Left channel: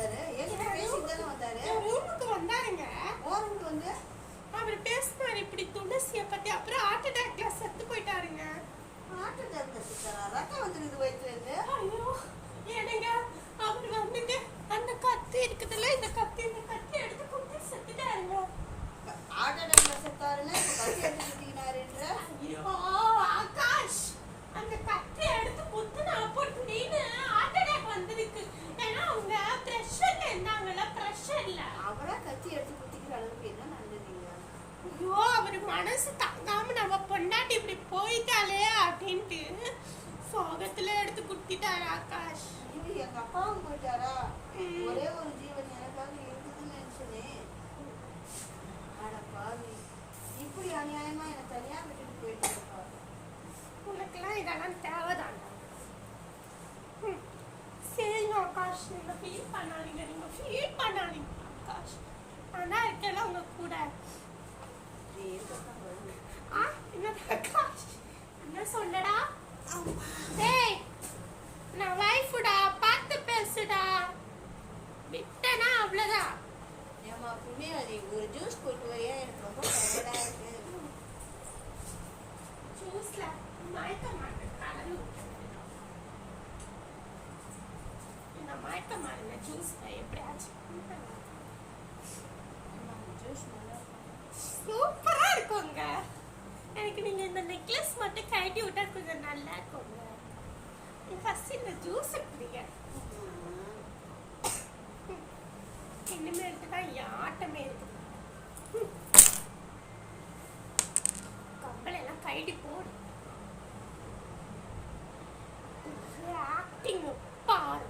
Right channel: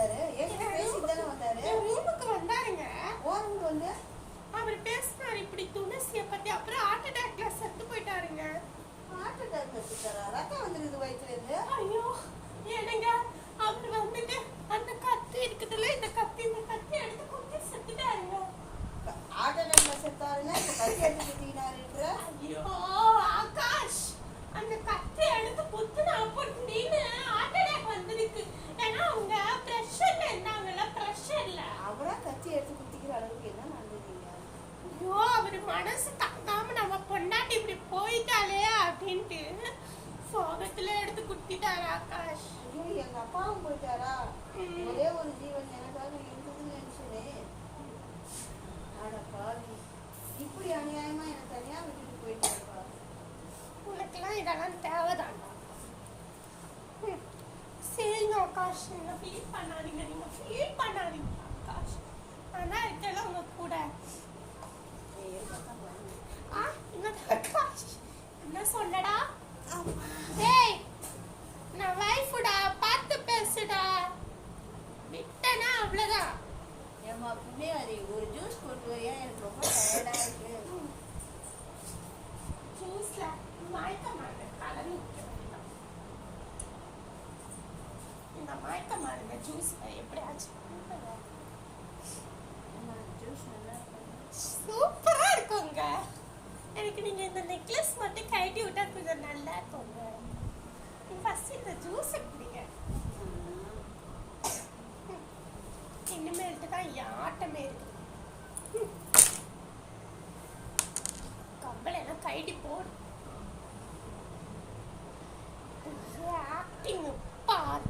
வந்தாரு? ஏன் பேசிட்டு வந்தாரு? ரூமுக்கு வந்தாருங்க. ரூமுக்கு வந்து அவர் பேசினாரு இப்படி துளசியை பத்தி. அப்புறம் ஹார்ட் அட்டாக்ல செத்து போயிட்டாருங்க. ஹார்ட் அட்டாக்ல செத்தாரா? ரத்தம் வந்துருக்குது வயிற்றுல இருந்து. ஐயோ என்னங்க, அவர் வந்துட்டு அந்த கத்தி இருக்குதுல்ல, இந்த கத்தி எடுத்து குத்தி செத்துட்டாருங்க. ஹார்ட் அட்டாக்ல செத்தாருன்னா இப்ப கத்தி எடுத்து குத்தினாருன்ற? ஐயோ ஆகாஷ், அந்த கத்தி எடுத்து குத்துனா அப்படின்னு ஹார்ட் அட்டாக் வந்திருக்கு. ஏன்னா அவங்க பிரஷர்ல இருந்தாங்கல்ல, பிரஷர்ல அவரா கத்தி எடுத்து குத்திக்கிற அளவுக்கு என்ன நடந்ததுங்க? ஐயோ அவர் மனசு தாங்காம நம்ம பொண்டாட்டி இப்படி போயிட்டாலே அப்படின்ட்டு சோகத்துல எடுத்து குத்திட்டாரு ஆகாஷ். ஐயோ எங்க அப்பாவும் போயிட்டாரா? ஒரே ஒரு ஜீவன் எனக்காக இருக்குதுன்னு நினைச்சனே. ஆடப்பா இப்படி அநியாயமா எனக்கு தனியா விட்டுட்டு போயிட்டாருப்பா. உனக்கெல்லாம் இதெல்லாம் தேவைதான்டா. சரிங்க ஆகாஷ், நீங்க ஃபீல் பண்ணாதீங்க, ஆகாஷ். ஆனா இருக்கல உங்க கூட. என்னது ஆகாஷ், என்ன சொன்னடா? டேய் நான் வைஃப்டா, பார்த்து பேசுடா. விட்டனா அவ்வளவுதான். ஏமா புண்ணியாரி, ஒரு ஜூஸ் போட்டு வரையா? எனக்கு ரொம்ப டயர்டா இருக்கு. ஜூஸ்ல மயக்க மாட்டேன், கலரி இந்த மயக்க மாறுங்க ஜூஸ் எப்படியாச்சும். சூப்பரா இருக்குங்க. எனக்கு நீங்க இந்த நெக்லஸ் மட்டும் கழட்டி விட்டா கொஞ்சம் நல்லா இருக்குங்க. ஃபர்ஸ்ட் இந்த ஜூஸ் குடிங்க. இனிமேல்ட்டு தான் ஆட்டமே இருக்குது. கம்பளெல்லாம் கழட்டி போடு. ஆக்டிங் பாரு.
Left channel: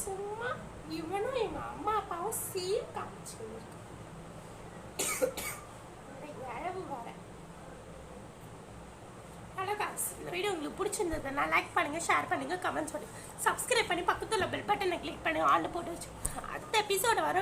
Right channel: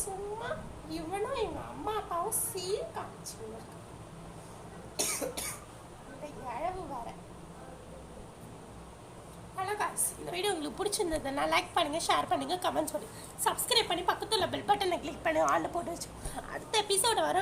சும்மா இவனும் எங்க அம்மா அப்பாவும் சீன் காமிச்சுன்னு இழவு வர. இந்த வீடியோ உங்களுக்கு பிடிச்சிருந்ததுன்னா லைக் பண்ணுங்க, ஷேர் பண்ணுங்க, கமெண்ட்ஸ் பண்ணுங்க, சப்ஸ்கிரைப் பண்ணி பக்கத்துல பெல் பட்டனை கிளிக் பண்ணி ஆன் போட்டு வச்சு அடுத்த எபிசோட வர